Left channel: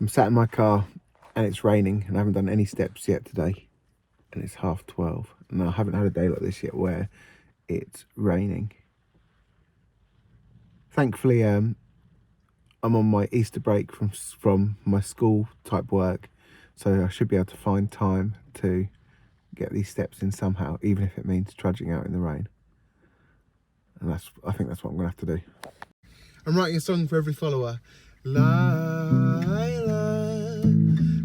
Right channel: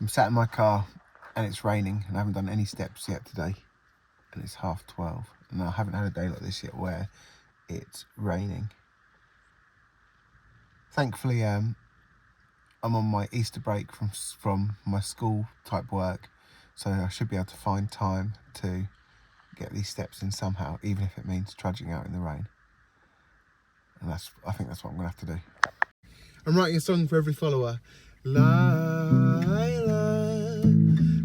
I'm sat in my car and it's raining and I haven't done any steps yet today, and it's 12:30 and I haven't had a day like this yet where it's raining. Thankfully I'm on my Easter break from my school type work, so I should be able to find time to get these steps in somehow, even if it means trudging out in the rain. And I think that's what I'm gonna have to do. I'm writing a song for every follower. Lila,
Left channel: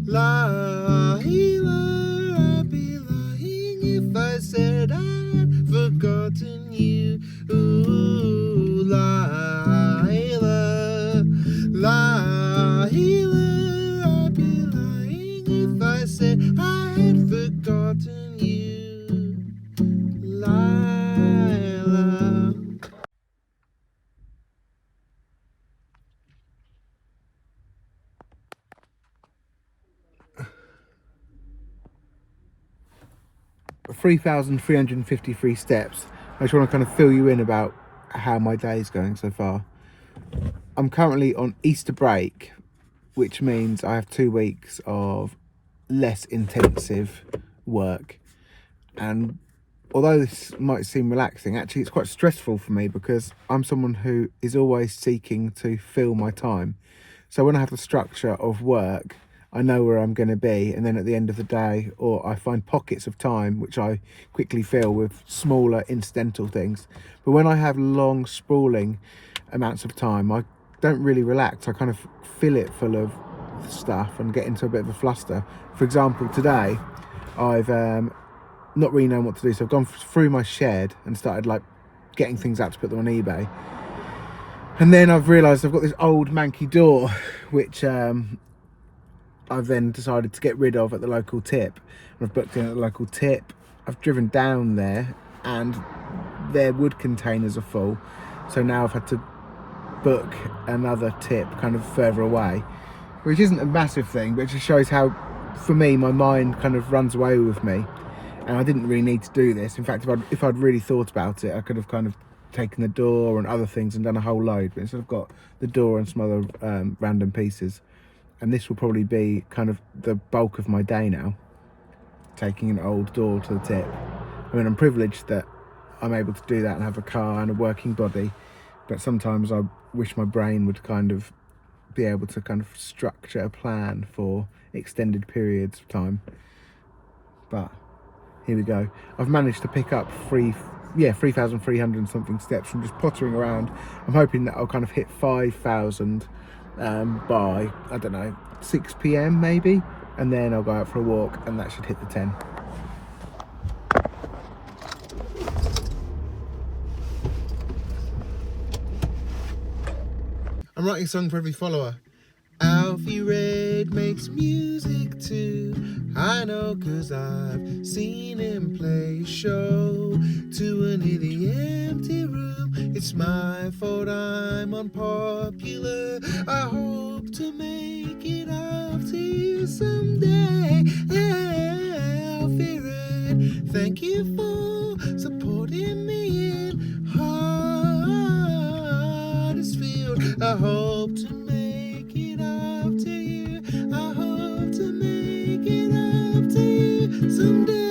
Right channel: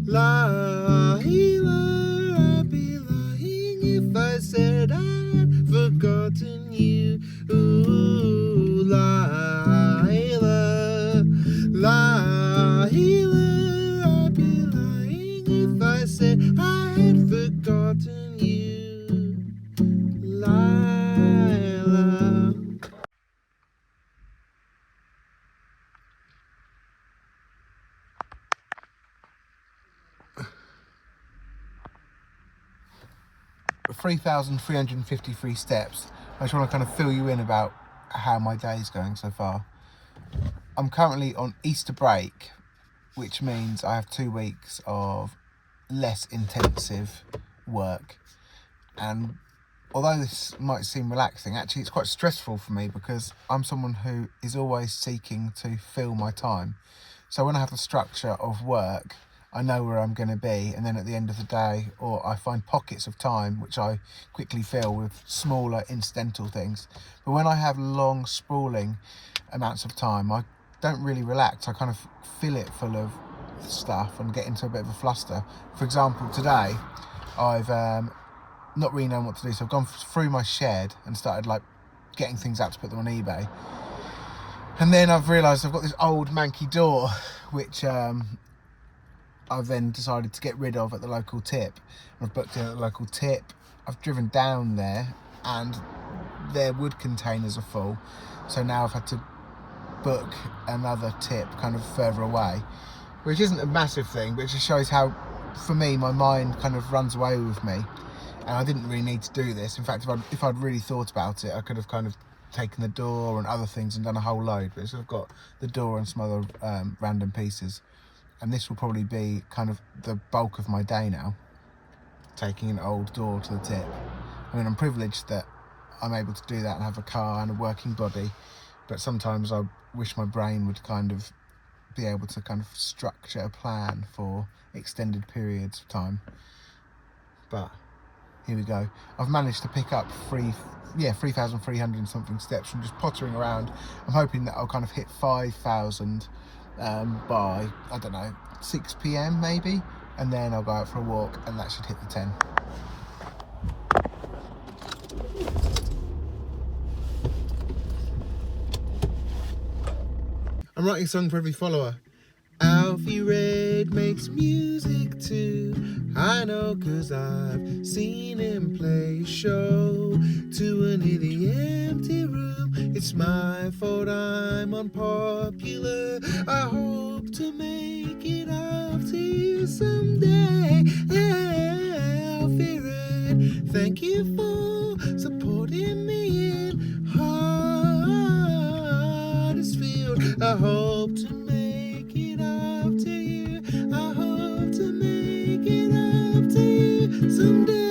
Lila, I'd be lying if I said I'd forgotten you. Ooh, Lila, Lila, I'd be lying if I said I had forgotten you. Lila. 3,353 steps. I just want to kind of fill you in about how my day is going so far. I'm currently on Easter break, which means I have 2 weeks of less intensive work. And although this might seem relaxing, actually it's quite stressful for me because I'm someone who is always seeking to fill my time. So when I have the structure of work, I know where I'm going to be, and then at the end of the day, or I find pockets of time which I quickly fill with smaller incidental things. But when I have long sprawling amounts of time, I don't really relax. I kind of fill it full of stuff and get into a bit of a fluster. For example, today I've not really known what to do, so I've gone through my shed and started like getting things out to put them on eBay. And then I've realised I've got this old manky door which I've then decided to get rid of at the local tip. I've booked in at the local tip. I've driven down there and their wood containers are full, so now I've had to book another tip kind of further away, which isn't a massive thing, but it just shows how, for me, my mind kind of runs away with me, and I didn't really need to do this. In fact, if I'd really thought about it, I could have kind of taken the door and other things and done a whole load, but instead I've got the door and some other random pieces. And this will probably be kind of the bulk of my day now, taking an old door to the tip. I mean, I'm privileged that I'm able to do that and have a car and a working body, but sometimes I wish my brain would kind of be able to kind of structure a plan for extended periods of time. But here we go. I've managed to pick up 3,300 and something steps from just pottering around. I'm hoping that I'll kind of hit 5,000 by, I don't know, 6 p.m. maybe, and then I'll go out for a walk and that should hit the 10. I'm writing a song for every follower. Alfie Red makes music too, I know, 'cause I've seen him play a show to a nearly empty room. It's my fault I'm unpopular, I hope to make it up to you someday. Alfie Red, thank you for supporting me in Huddersfield. I hope to make it up to you, I hope to make it up to you someday.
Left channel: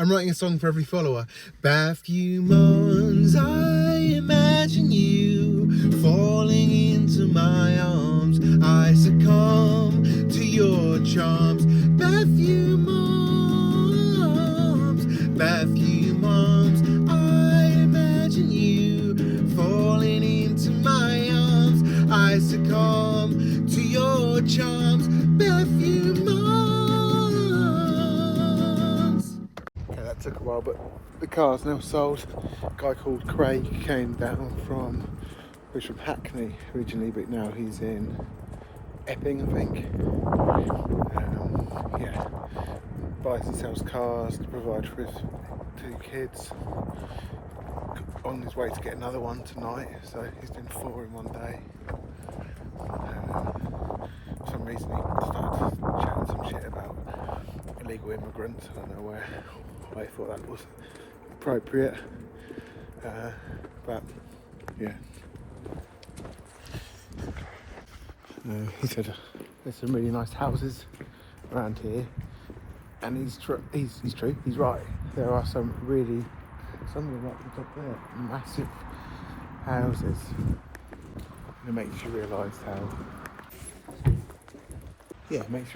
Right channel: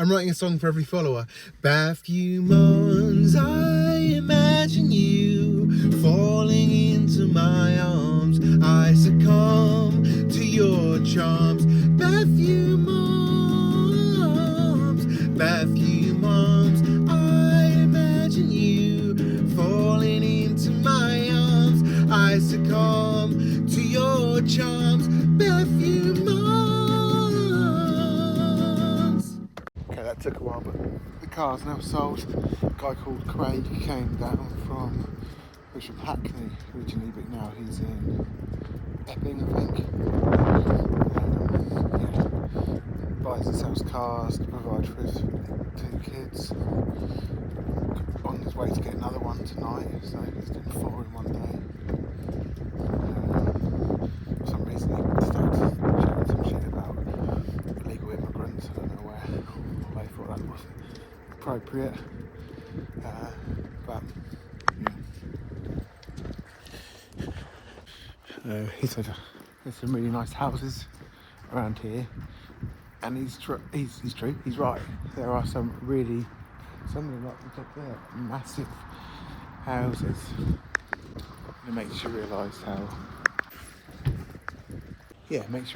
I'm writing a song for every follower. Baphoumons, I imagine you falling into my arms. I succumb to your charms. Baphoumons, Baphoumons, I imagine you falling into my arms. I succumb to your charms. Baphoumons. Okay, that took a while, but the car's now sold. A guy called Craig came down from Hackney originally, but now he's in Epping, I think. Yeah, buys and sells cars to provide for his 2 kids. On his way to get another one tonight, so he's doing 4 in one day. For some reason he started chatting some shit about illegal immigrants. I don't know why I thought that was appropriate, but yeah. He said there's some really nice houses around here, and he's true. He's right. There are some of them like the top there, massive houses. It makes you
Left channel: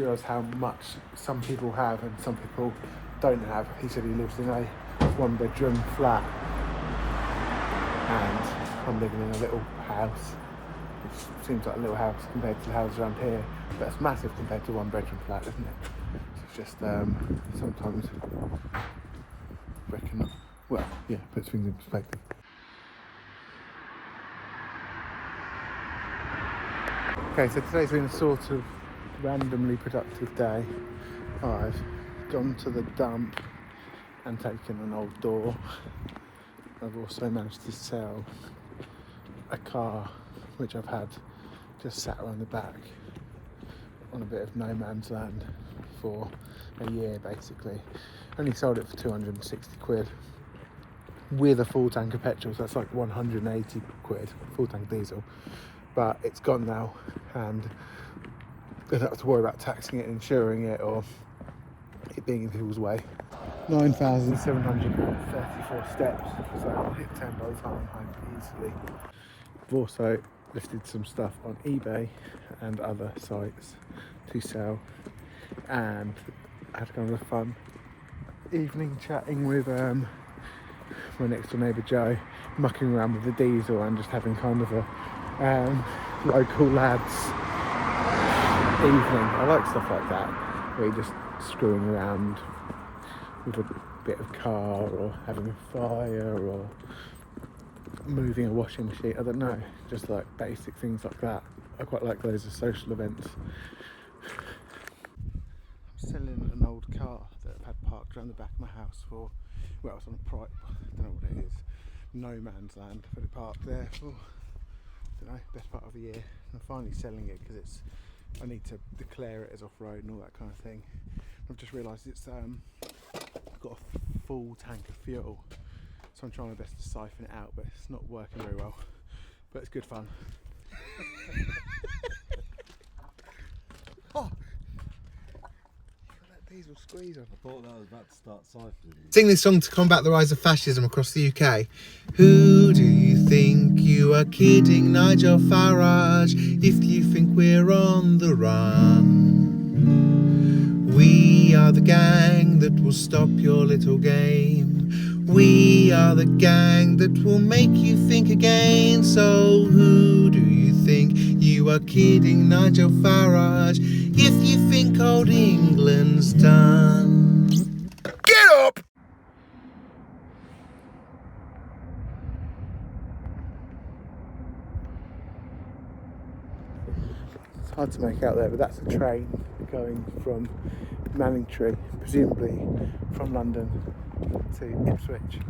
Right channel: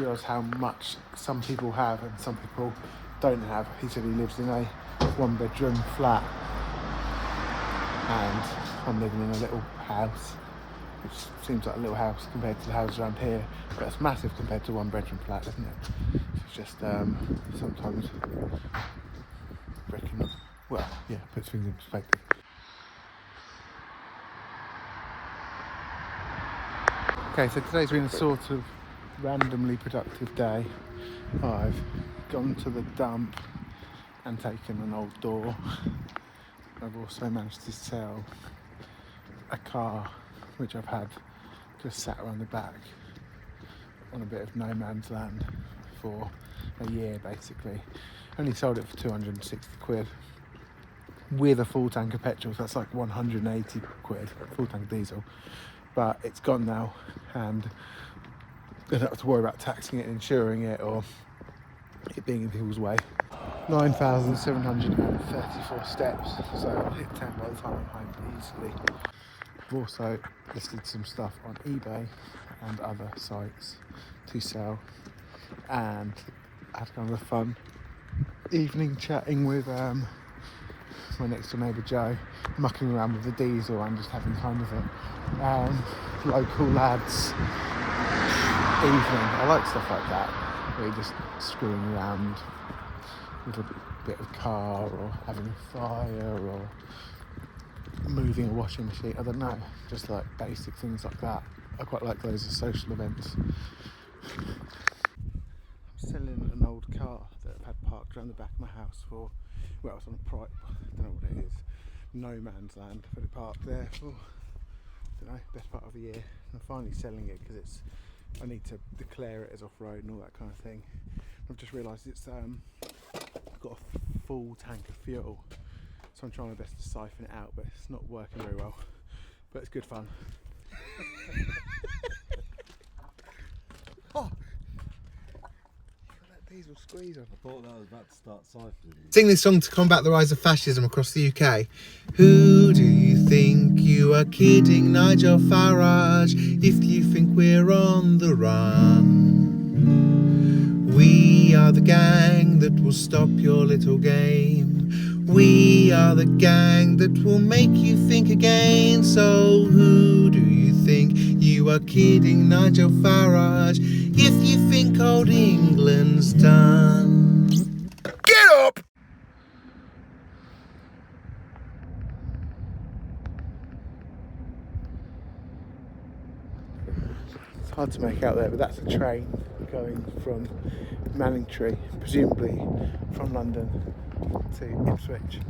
realise how much some people have and some people don't have. He said he lives in a 1-bedroom flat, and I'm living in a little house, which seems like a little house compared to the houses around here, but it's massive compared to a 1-bedroom flat, isn't it? It's just sometimes puts things in perspective. Okay, so today's been a sort of randomly productive day. I've gone to the dump and taken an old door. I've also managed to sell a car which I've had just sat around the back on a bit of no man's land for a year basically. Only sold it for 260 quid with a full tank of petrol, so that's like 180 quid, full tank of diesel. But it's gone now, and I don't have to worry about taxing it, insuring it, or it being in people's way. 9,734 steps, so I'll hit 10 by the time I'm home easily. I've also listed some stuff on eBay and other sites to sell, and I had kind of a fun evening chatting with my next door neighbour Joe, mucking around with the diesel and just having kind of a local lads evening. I like stuff like that, where you're just screwing around with a bit of car, or having a fire, or moving a washing machine. I don't know, just like basic things like that. I quite like those as social events. I'm selling an old car that I've had parked around the back of my house for, well, it's on a I don't know what it is, no man's land, but it parked there for, I don't know, best part of a year. I'm finally selling it because I need to declare it as off-road and all that kind of thing. I've just realised it's got a full tank of fuel, so I'm trying my best to siphon it out, but it's not working very well, but it's good fun. Oh! Diesel squeeze on. I thought that was about to start siphoning. Sing this song to combat the rise of fascism across the UK. Who do you think you are kidding, Nigel Farage, if you think we're on the run? We are the gang that will stop your little game. We are the gang that will make you think again. So who do you think you are kidding, Nigel Farage, if you think old England's done? Get up! It's hard to make out there, but that's a train going from Manningtree, presumably from London to Ipswich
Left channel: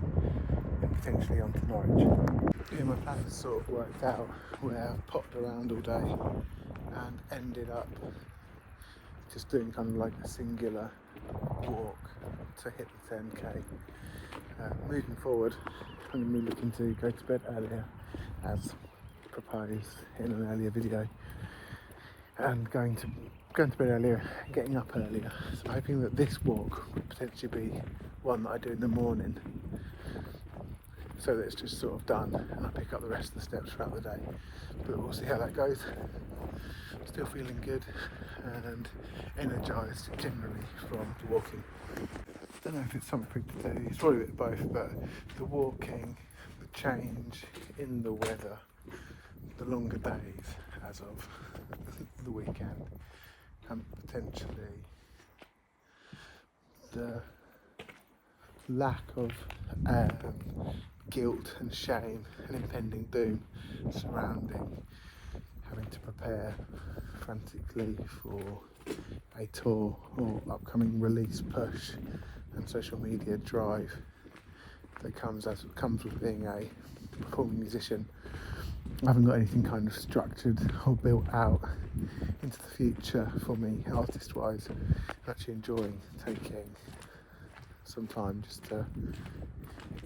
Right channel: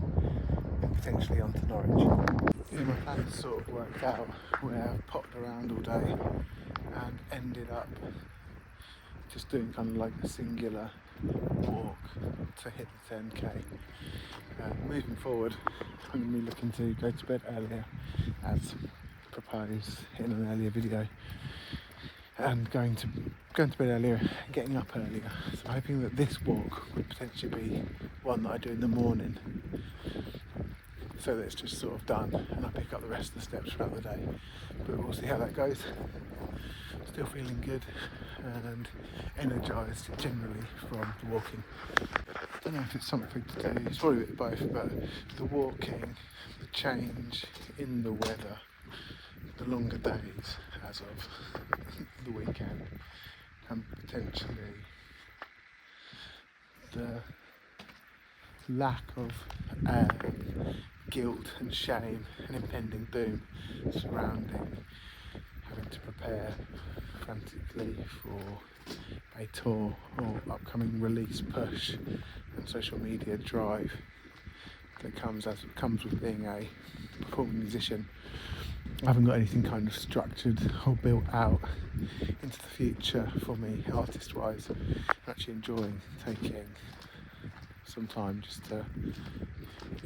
and potentially on to Norwich. My plans sort of worked out where I've popped around all day and ended up just doing kind of like a singular walk to hit the 10k. Moving forward, I'm going to be looking to go to bed earlier, as proposed in an earlier video, and going to going to bed earlier, getting up earlier, so hoping that this walk will potentially be one that I do in the morning, so that it's just sort of done and I pick up the rest of the steps throughout the day. But we'll see how that goes. Still feeling good and energised generally from the walking. I don't know if it's something to do, it's probably a bit of both, but the walking, the change in the weather, the longer days as of the weekend, and potentially the lack of guilt and shame and impending doom surrounding having to prepare frantically for a tour or upcoming release push and social media drive that comes with being a performing musician. I haven't got anything kind of structured or built out into the future for me artist wise. I'm actually enjoying taking some time just to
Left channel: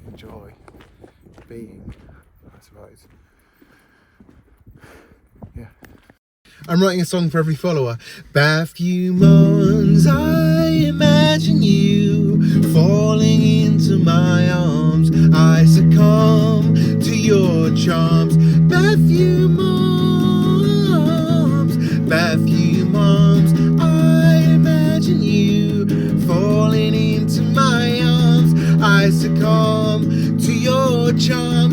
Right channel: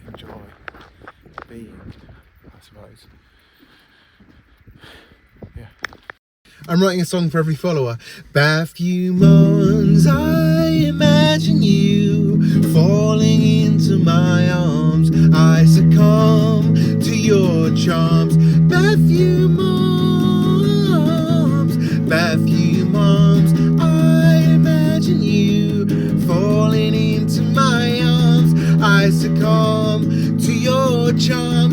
enjoy being, I suppose. Yeah. I'm writing a song for every follower. Bathview Mons, I imagine you falling into my arms. I succumb to your charms. Bathview Moms, Bathview Moms, I imagine you falling into my arms. I succumb to your charms.